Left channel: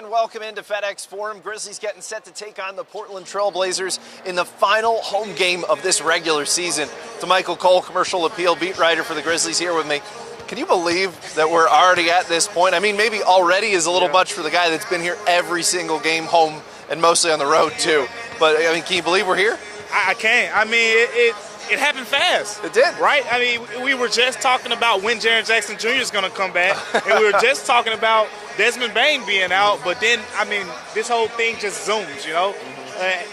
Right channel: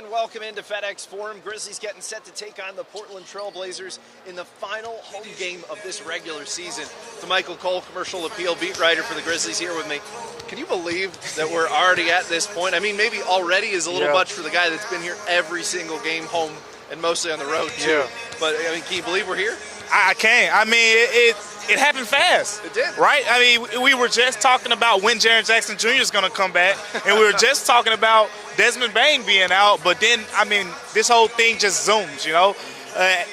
And welcome into FedEx Forum. Grizzlies getting set to take on the Portland Trail Blazers in the final home game of this regular season. DaMichael Cole, commercial appeal beat writer for the Grizzlies, here with me. Can you believe that we're already at this point? I mean, maybe already is a little much for the guy that's been here every single game, home and mostly on the road too. But I mean, can you believe we're here? I can't. I mean, it happened fast. It did. Right? I mean, we were just talking about when Jaren Jackson Jr. is going to come back, and we were just talking about Desmond Bane being out, but then, I mean, this whole thing just zooms, you know?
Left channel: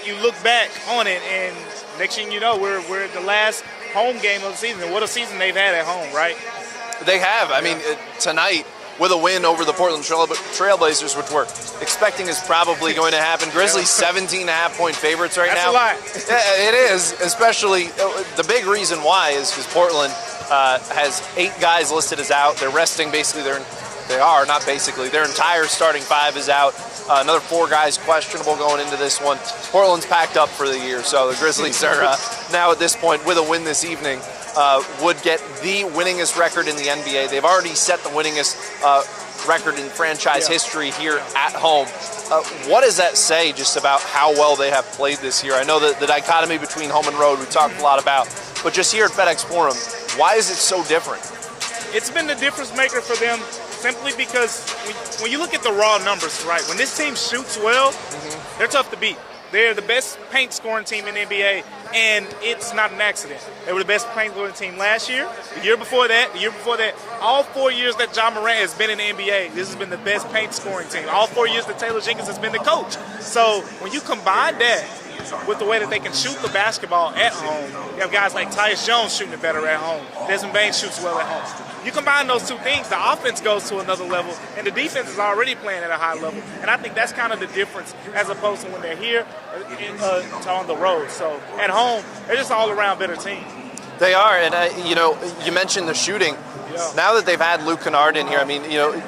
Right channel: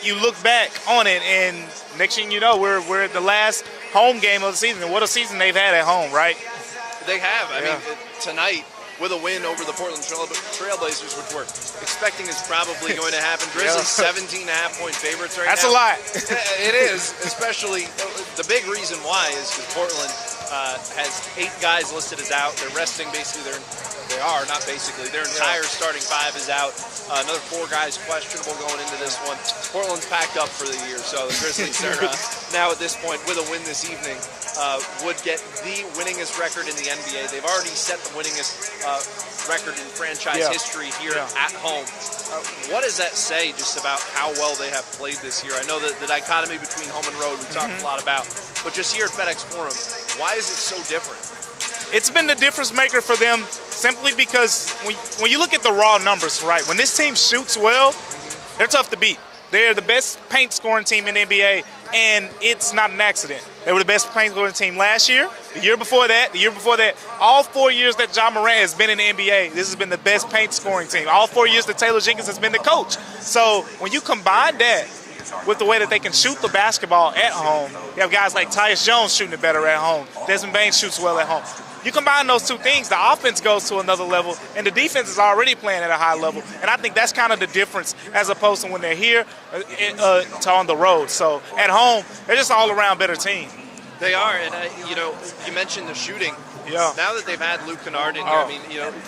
You look back on it, and next thing you know, we're at the last home game of the season, and what a season they've had at home, right? They have. I mean, tonight, with a win over the Portland Trailblazers, which we're expecting is probably going to happen. Grizzlies 17.5-point favorites right now. That's a lot. It is, especially the big reason why is because Portland has 8 guys listed as out. They're resting basically their entire starting 5 is out. Another 4 guys questionable going into this one. Portland's packed up for the year, so the Grizzlies are now at this point, with a win this evening, would get the winningest record in the NBA. They've already set the winningest record in franchise history here at home. What does that say just about how well they have played this year? I know that the dichotomy between home and road we talked a lot about, but just here at FedEx Forum, why is it so different? It's been the difference maker for them simply because when you look at the raw numbers, right, when this team shoots well, they're tough to beat. They're the best paint scoring team in the NBA, and it's not an accident. They were the best paint scoring team last year, the year before that, all 4 years that John Morant has been in the NBA, this has been the best paint scoring team. All 4 years that Taylor Jenkins has been the coach. So when you combine that with the way that they can shoot the basketball at home, you have guys like Tyus Jones shooting it better at home. Desmond Bane shoots well at home. You combine those two things, the offense goes to another level, and the defense is already playing at a high level. And I think that's kind of the difference as opposed to when they're here to on the road. So at home, they're just all around better team. They are, and you mentioned the shooting. Yeah. Now that they've had Luke Kennard in here, I mean,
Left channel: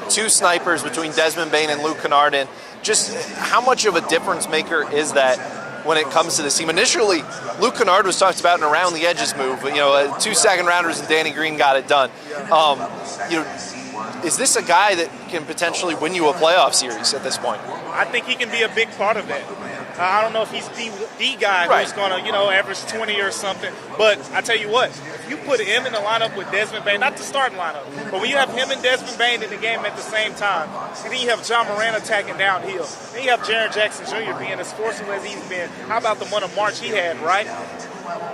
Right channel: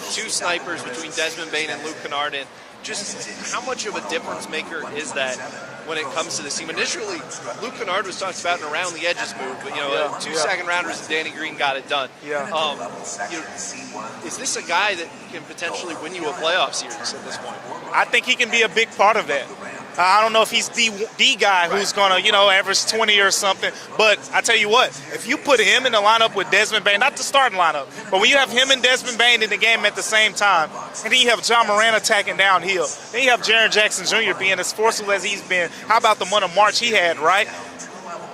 2 snipers between Desmond Bane and Luke Kennard in. Just how much of a difference maker is that when it comes to this team? Initially, Luke Kennard was talked about an around the edges move, but 2 second rounders and Danny Green got it done. Is this a guy that can potentially win you a playoff series at this point? I think he can be a big part of that. I don't know if he's the guy who's going to, average 20 or something. But I tell you what, if you put him in the lineup with Desmond Bane, not the starting lineup, but when you have him and Desmond Bane in the game at the same time, and then you have John Morant attacking downhill, then you have Jaren Jackson Jr. being as forceful as he's been. How about the month of March he had, right?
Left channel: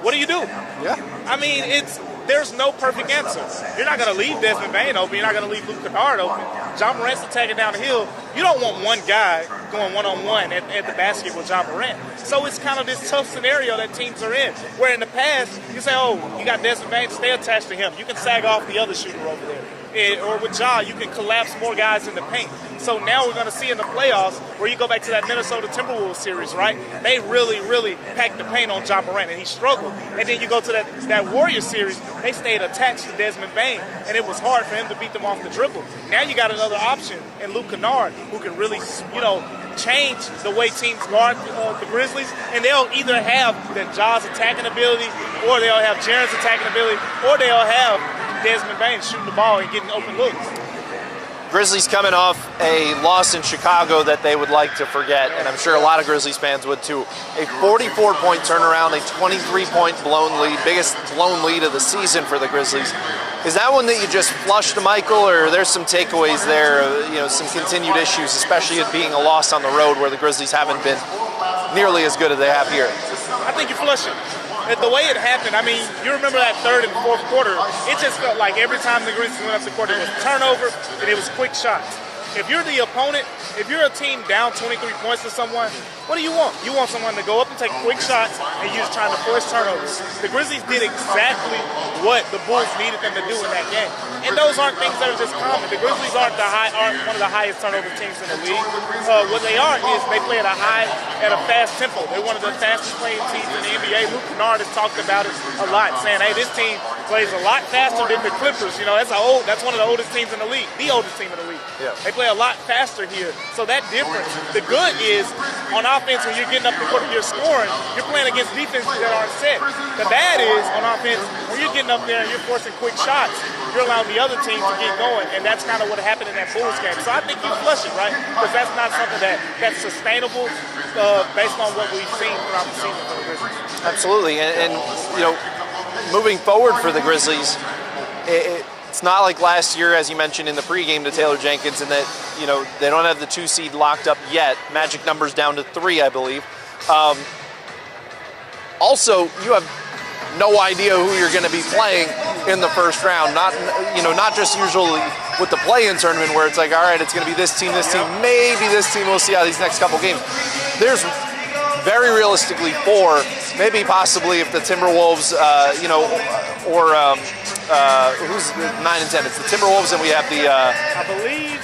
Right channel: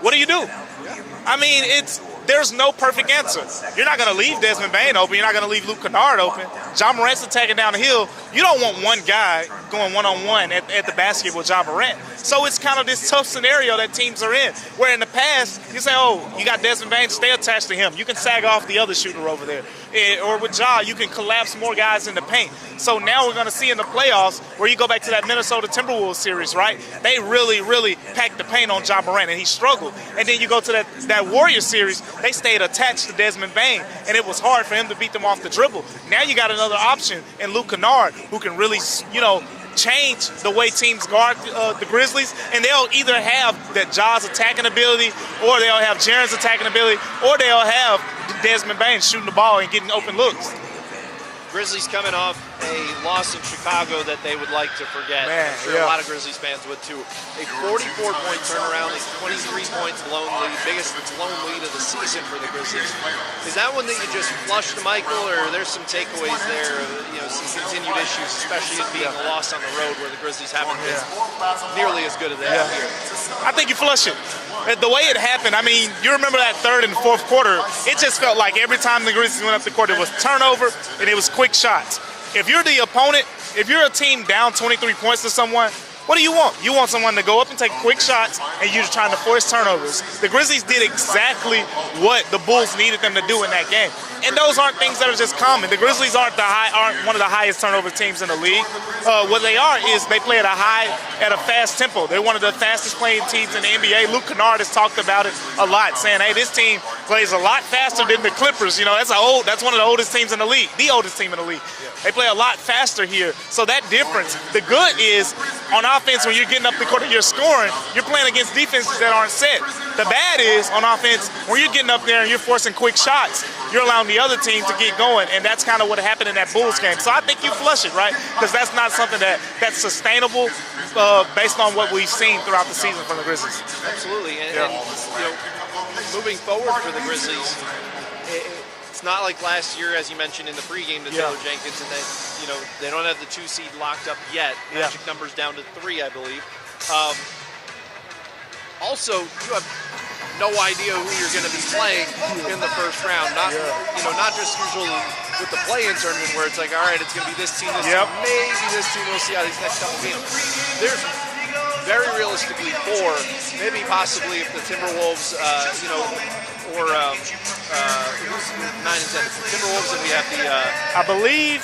What do you do? Yeah. I mean, there's no perfect answer. You're not going to leave Desmond Bane open. You're not going to leave Luke Kennard open. John Morant's attacking down the hill. You don't want one guy going one-on-one at the basket with John Morant. So it's kind of this tough scenario that teams are in, where in the past, you say, oh, you got Desmond Bane, stay attached to him. You can sag off the other shooter over there. Or with Ja, you can collapse more guys in the paint. So now we're going to see in the playoffs, where you go back to that Minnesota Timberwolves series, right? They really, really packed the paint on John Morant, and he struggled. And then you go to that Warriors series, they stayed attached to Desmond Bane, and it was hard for him to beat them off the dribble. Now you got another option in Luke Kennard, who can really, change the way teams guard the Grizzlies, and they'll either have that Ja's attacking ability, or they'll have Jaren's attacking ability, or they'll have Desmond Bane shooting the ball and getting open looks. Grizzlies coming off a loss in Chicago that they would like to forget, and I'm sure a lot of Grizzlies fans would too. A 44-point turnaround, a 23-point blown lead, biggest blown lead of the season for the Grizzlies. Is that one that you just flushed, DaMichael, or there's some takeaways there, some continued issues, especially it being a loss on the road where the Grizzlies haven't been nearly as good as they have here? I think you flush it. The way it happened, I mean, you remember that third and fourth quarter, it just felt like every time the Grizzlies went up the court, it was turnover and it was quick shots. If you're the opponent, if you're a team down 23 points to someone, what do you want? You want someone to go up and take quick shots, and you're trying to force turnovers. The Grizzlies did exactly what the Bulls needed them to do in that game. And those aren't things that are just common. The Grizzlies aren't one of the highest turnover teams in the league. What they are is they play at a fast tempo. They're one of the fastest playing teams in the NBA. Luke Kennard has talked about it a lot, saying, hey, this team plays a lot faster than the Clippers. That's one of the oldest teams in the league, the oldest team in the league. Yeah. They play a lot faster here. So that difference, the good is on offense when you're getting up the court and you're scoring, you're playing against defenses that aren't set. The bad is on offense when you're getting up there and you're forcing quick shots, you're allowing the other team to get going, and that's kind of what happened in that Bulls game. So I think you flush it, right? Because that's not something that's sustainable based on what we've seen throughout the season from the Grizzlies. Absolutely, and moving forward for the Grizzlies, it's not like last year, as you mentioned in the pregame to Taylor Jenkins, and that they don't have the 2 seed locked up yet. Magic numbers down to 3, I believe. Also, you have no idea who you're going to be playing in the first round. Not just usually with the play-in tournament where it's like, all right, it's going to be this team, maybe this team. We'll see how these next couple games. There's very realistically 4, maybe possibly if the Timberwolves, or who's 9 and 10? It's the Timberwolves, and we have the I believe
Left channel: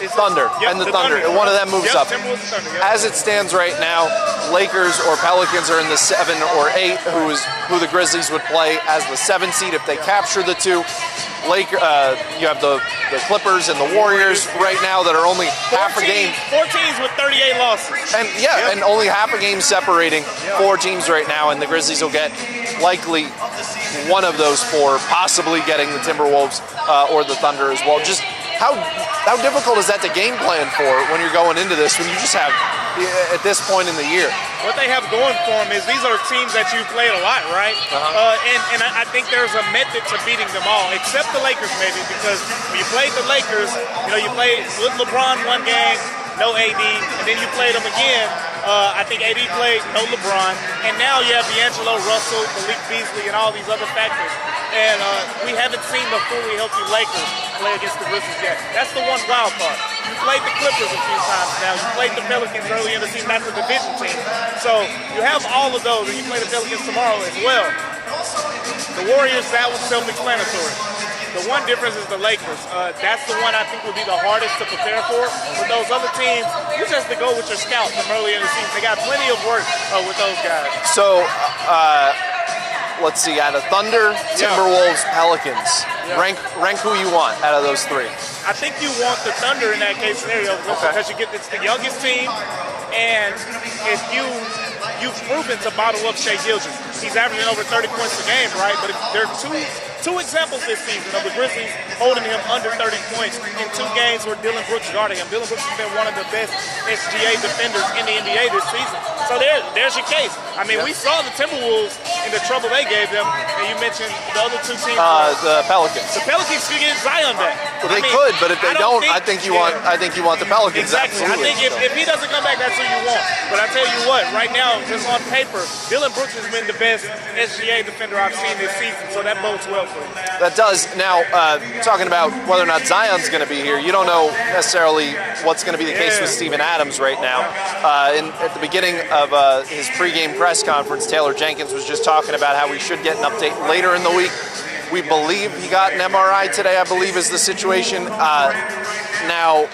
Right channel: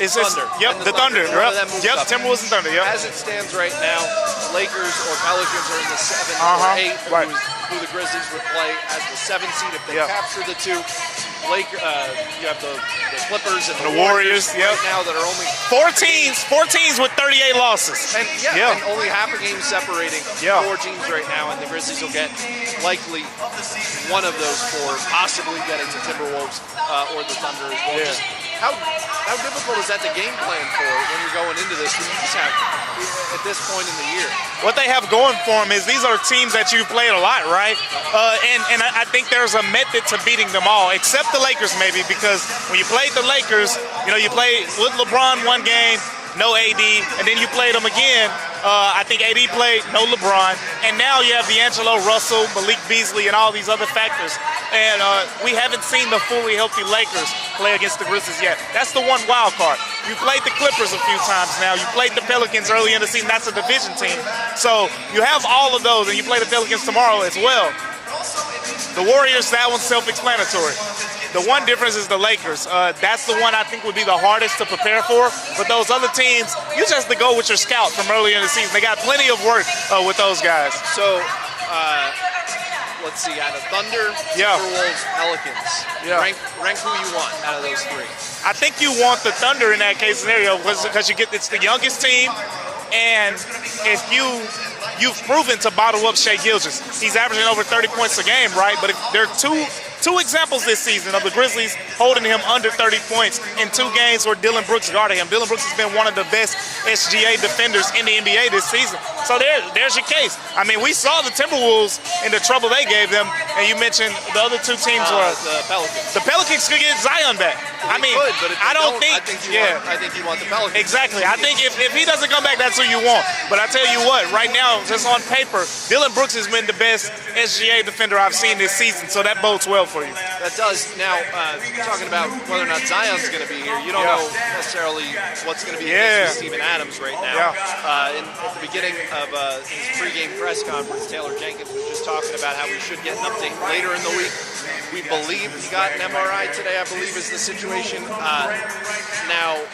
it's Thunder. And the Thunder. One of them moves up. Timberwolves and Thunder. As it stands right now, Lakers or Pelicans are in the 7 or 8, who the Grizzlies would play as the 7 seed if they capture the 2. You have the Clippers and the Warriors right now that are only 4 teams with 38 losses. And and only half a game separating 4 teams right now, and the Grizzlies will get likely one of those 4, possibly getting the Timberwolves or the Thunder as well. Just how difficult is that to game plan for when you're going into this, when you just have, at this point in the year? What they have going for them is these are teams that you've played a lot, right? And I think there's a method to beating them all, except the Lakers maybe, because when you played the Lakers, you played LeBron one game, no AD, and then you played them again. I think AD played, no LeBron, and now you have D'Angelo Russell, Malik Beasley, and all these other factors. And we haven't seen the fully healthy Lakers play against the Grizzlies yet. That's the one wild card. You played the Clippers a few times now. You played the Pelicans early in the season. That's a division team. So you have all of those, and you play the Pelicans tomorrow as well. The Warriors, that one's self-explanatory. The one difference is the Lakers. That's the one I think would be the hardest to prepare for. But those other teams, you just have to go with your scout from early in the season. They got plenty of work with those guys. So, let's see, out of Thunder, Timberwolves, Pelicans. Rank who you want out of those 3. I think you want the Thunder in that case scenario because it's the youngest team, and if you've proven to bottle up Shai Gilgeous. He's averaging over 30 points a game, right? But if there are two examples this season of the Grizzlies holding him under 30 points in 2 games where Dillon Brooks guarded him. Dillon Brooks has been one of the best SGA defenders in the NBA this season. So there's your case. I mean, we saw the Timberwolves in the trouble they gave them, and you mentioned the other 2 teams were the Pelicans. The Pelicans could get Zion back. Well, they could, but if they don't, I think you want the Pelicans. Exactly. Absolutely. I think if he doesn't come back, that's who you want. But I tell you what, right now, just on paper, Dillon Brooks has been the best SGA defender I've seen this season, so that bodes well for you. That does. Now, talking about whether or not Zion's going to be here, you don't know necessarily what's going to be the case with Steven Adams right now. At the beginning of his pregame press conference, Taylor Jenkins was just talking about how we should get an update later in the week. We believe he got an MRI today, I believe is the situation. Now,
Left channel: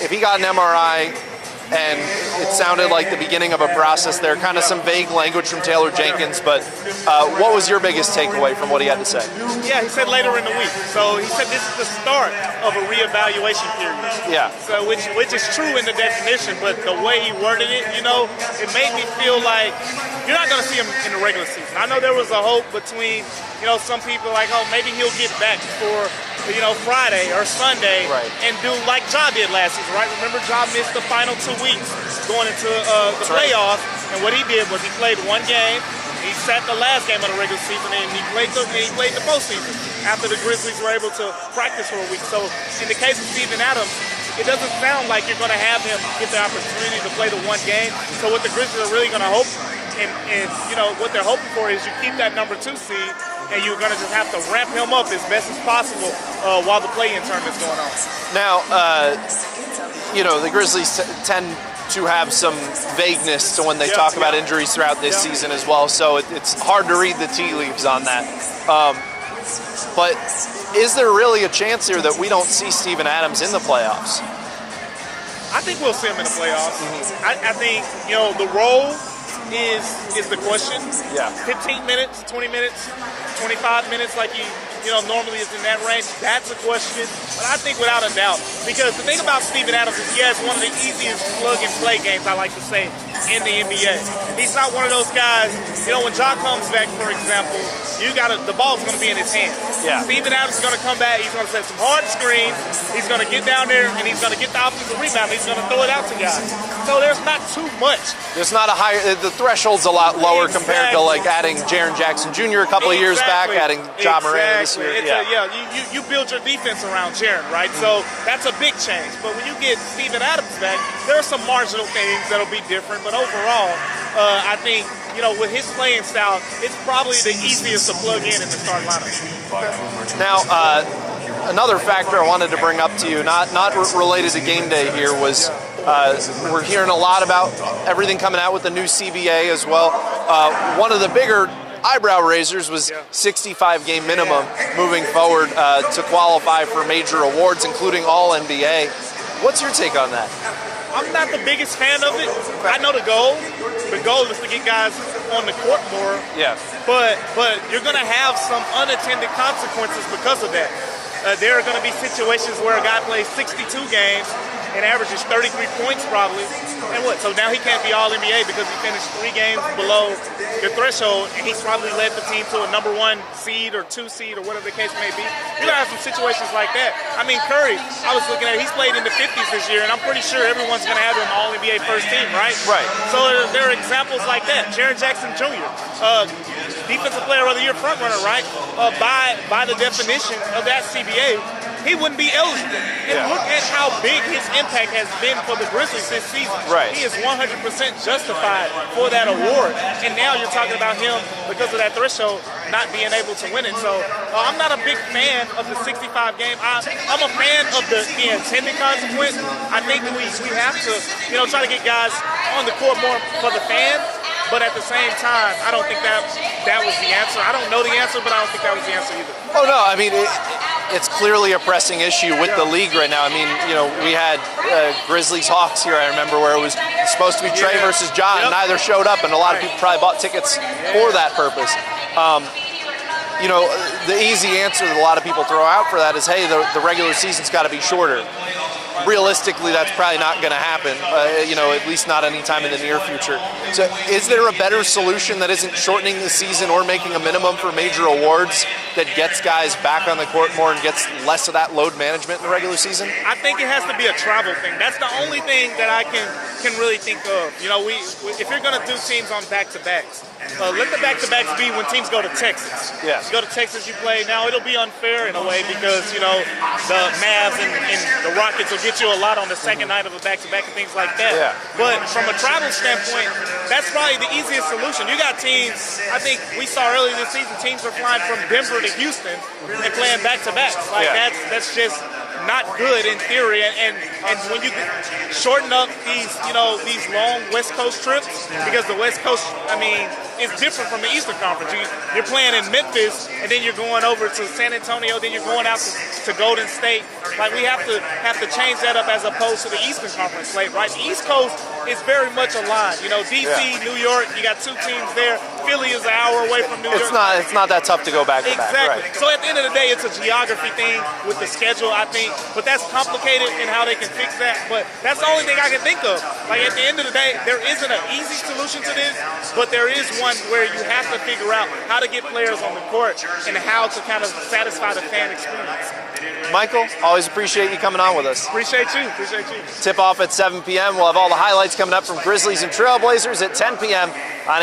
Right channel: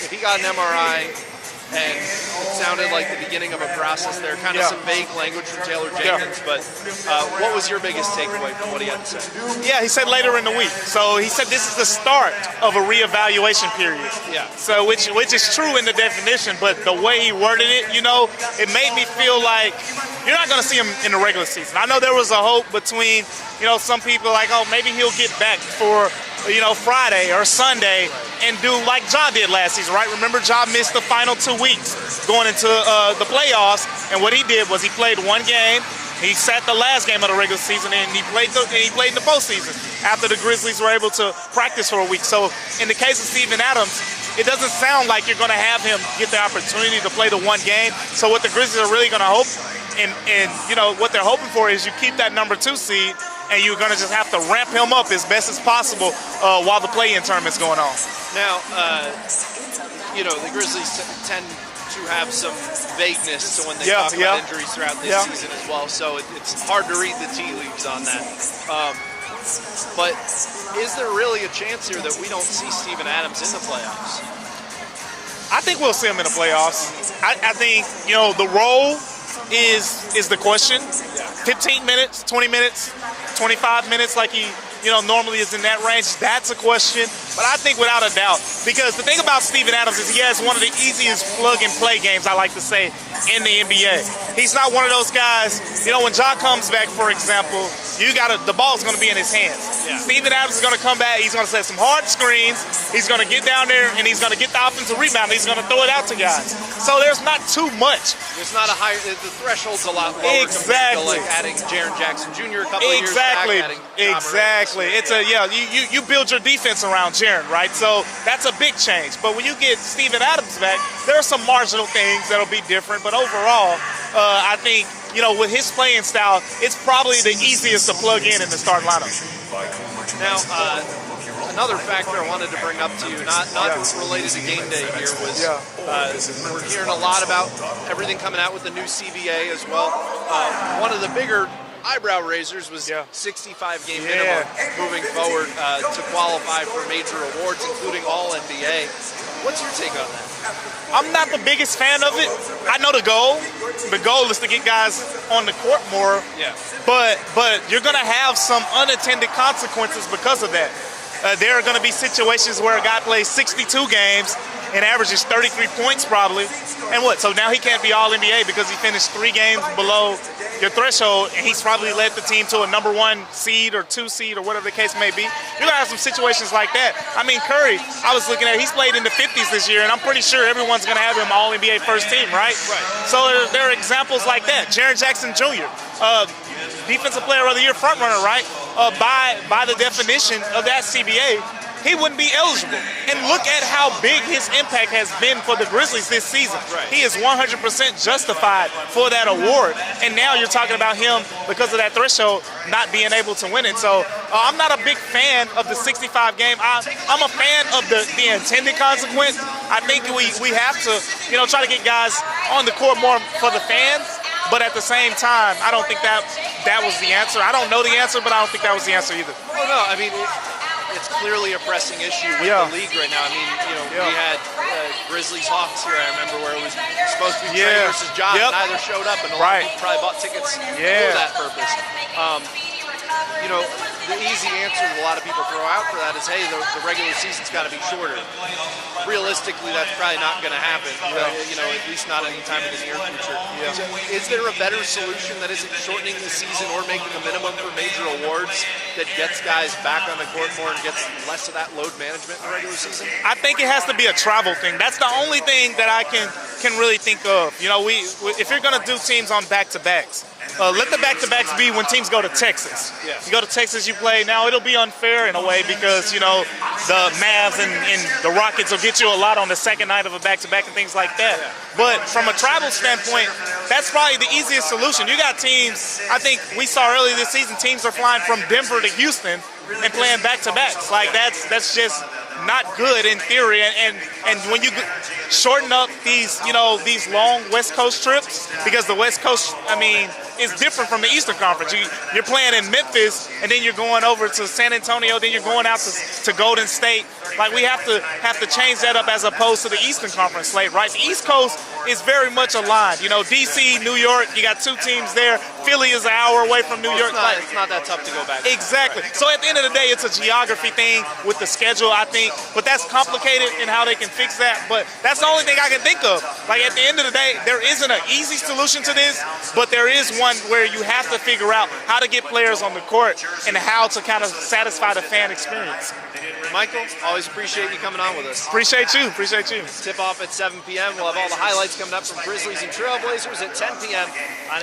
if he got an MRI, and it sounded like the beginning of a process there, kind of some vague language from Taylor Jenkins, but what was your biggest takeaway from what he had to say? Yeah, he said later in the week. So he said this is the start of a reevaluation period. Yeah. So which is true in the definition, but the way he worded it, it made me feel like you're not going to see him in the regular season. I know there was a hope between, some people like, oh, maybe he'll get back for Friday or Sunday and do like Ja did last season, right? Remember, Ja missed the final 2 weeks going into the playoffs, and what he did was he played 1 game. He sat the last game of the regular season, and he played the postseason after the Grizzlies were able to practice for a week. So in the case of Steven Adams, it doesn't sound like you're going to have him get the opportunity to play the 1 game. So what the Grizzlies are really going to hope, and what they're hoping for is you keep that number 2 seed, and you're going to just have to ramp him up as best as possible while the play-in tournament's going on. Now, the Grizzlies tend to have some vagueness to when they talk about injuries throughout this season as well, so it's hard to read the tea leaves on that. But is there really a chance here that we don't see Steven Adams in the playoffs? I think we'll see him in the playoffs. I think, the role is the question. Yeah. 15 minutes, 20 minutes, 25 minutes, like he normally is in that range. That's a question. But I think without a doubt, because the thing about Steven Adams is he has one of the easiest plug-and-play games, I like to say, in the NBA. He's not one of those guys, when John comes back, for example, the ball's going to be in his hands. Yeah. Steven Adams is going to come back. He's going to set some hard screens. He's going to get down there, and he's going to get the offensive rebound. He's going to throw it out to guys. So there's not too much. There's not a higher. The threshold's a lot lower compared to like adding Jaren Jackson Jr. a couple of years back, adding Ja Morant this year. You build your defense around Jaren, right? So that's a big change. But when you get Steven Adams back, there are some marginal things that'll be different. But overall, I think with his playing style, it's probably the easiest to plug in the start lineup. Now, another factor I wanted to bring up to you, not related to game day here, was we're hearing a lot about everything coming out with the new CBA as well. One of the bigger eyebrow raisers was 65-game minimum moving forward to qualify for major awards, including All-NBA. What's your take on that? I'm not the biggest fan of it. I know the goal. The goal is to get guys on the court more. Yeah. But you're going to have some unattended consequences because of that. There are going to be situations where a guy plays 62 games and averages 33 points probably. And what? So now he can't be All-NBA because he finished 3 games below your threshold, and he's probably led the team to a number 1 seed or 2 seed or whatever the case may be. You're going to have some situations like that. I mean, Curry, I was looking at, he's played in the 50s this year, and I'm pretty sure everyone's going to have him All-NBA first team, right? Right. So there are examples like that. Jaren Jackson Jr., Defensive Player of the Year frontrunner, right? By the definition of that CBA, he wouldn't be eligible. And look at how big his impact has been for the Grizzlies this season. Right. He is 100% justified for that award. And now you're talking about him, because of that threshold, not being able to win it. So I'm not a big fan of the 65 game. I'm a fan of the intended consequence. I think we have to, try to get guys on the court more for the fans. But at the same time, I don't think that was the answer. I don't know the answer, but I don't think that was the answer either. Oh, no. I mean, it's clearly a pressing issue with the league right now. I mean, we had Grizzlies Hawks here, I remember, where it was supposed to be Trey versus John. Yep. Neither showed up, and a lot of people probably bought tickets for that purpose. The easy answer that a lot of people throw out for that is, hey, the regular season's got to be shorter. Realistically, that's probably not going to happen, at least not anytime in the near future. So is there a better solution that isn't shortening the season or making a minimum for major awards that gets guys back on the court more and gets less of that load management in the regular season? I think it has to be a travel thing. That's the only thing that I can really think of. If you're going to do teams on back-to-backs, let the back-to-backs be when teams go to Texas. Yeah. You go to Texas, you play. Now, it'll be unfair in a way because, the Mavs and the Rockets will get you a lot on the second night of a back-to-back and things like that. Yeah. But from a travel standpoint, that's probably the easiest solution. You got teams, I think we saw earlier this season, teams are flying from Denver to Houston and playing back-to-backs. That's just not good in theory, and when you shorten up these long West Coast trips, because the West Coast, is different from the Eastern Conference. You're playing in Memphis, and then you're going over to San Antonio, then you're going out to Golden State. We have to change that up as opposed to the Eastern Conference slate, right? The East Coast is very much aligned. DC, New York, you got 2 teams there. Philly is an hour away from New York. It's not that tough to go back. Exactly. Right. So at the end of the day, it's a geography thing with the schedule, I think. But that's complicated in how they can fix that. But that's the only thing I can think of. At the end of the day, there isn't an easy solution to this, but there is one where you have to figure out how to get players on the court and how to kind of satisfy the fan experience. Michael, always appreciate you coming on with us. Appreciate you. Tip off at 7 p.m. We'll have all the highlights coming up from Grizzlies and Trailblazers at 10 p.m. on ABC.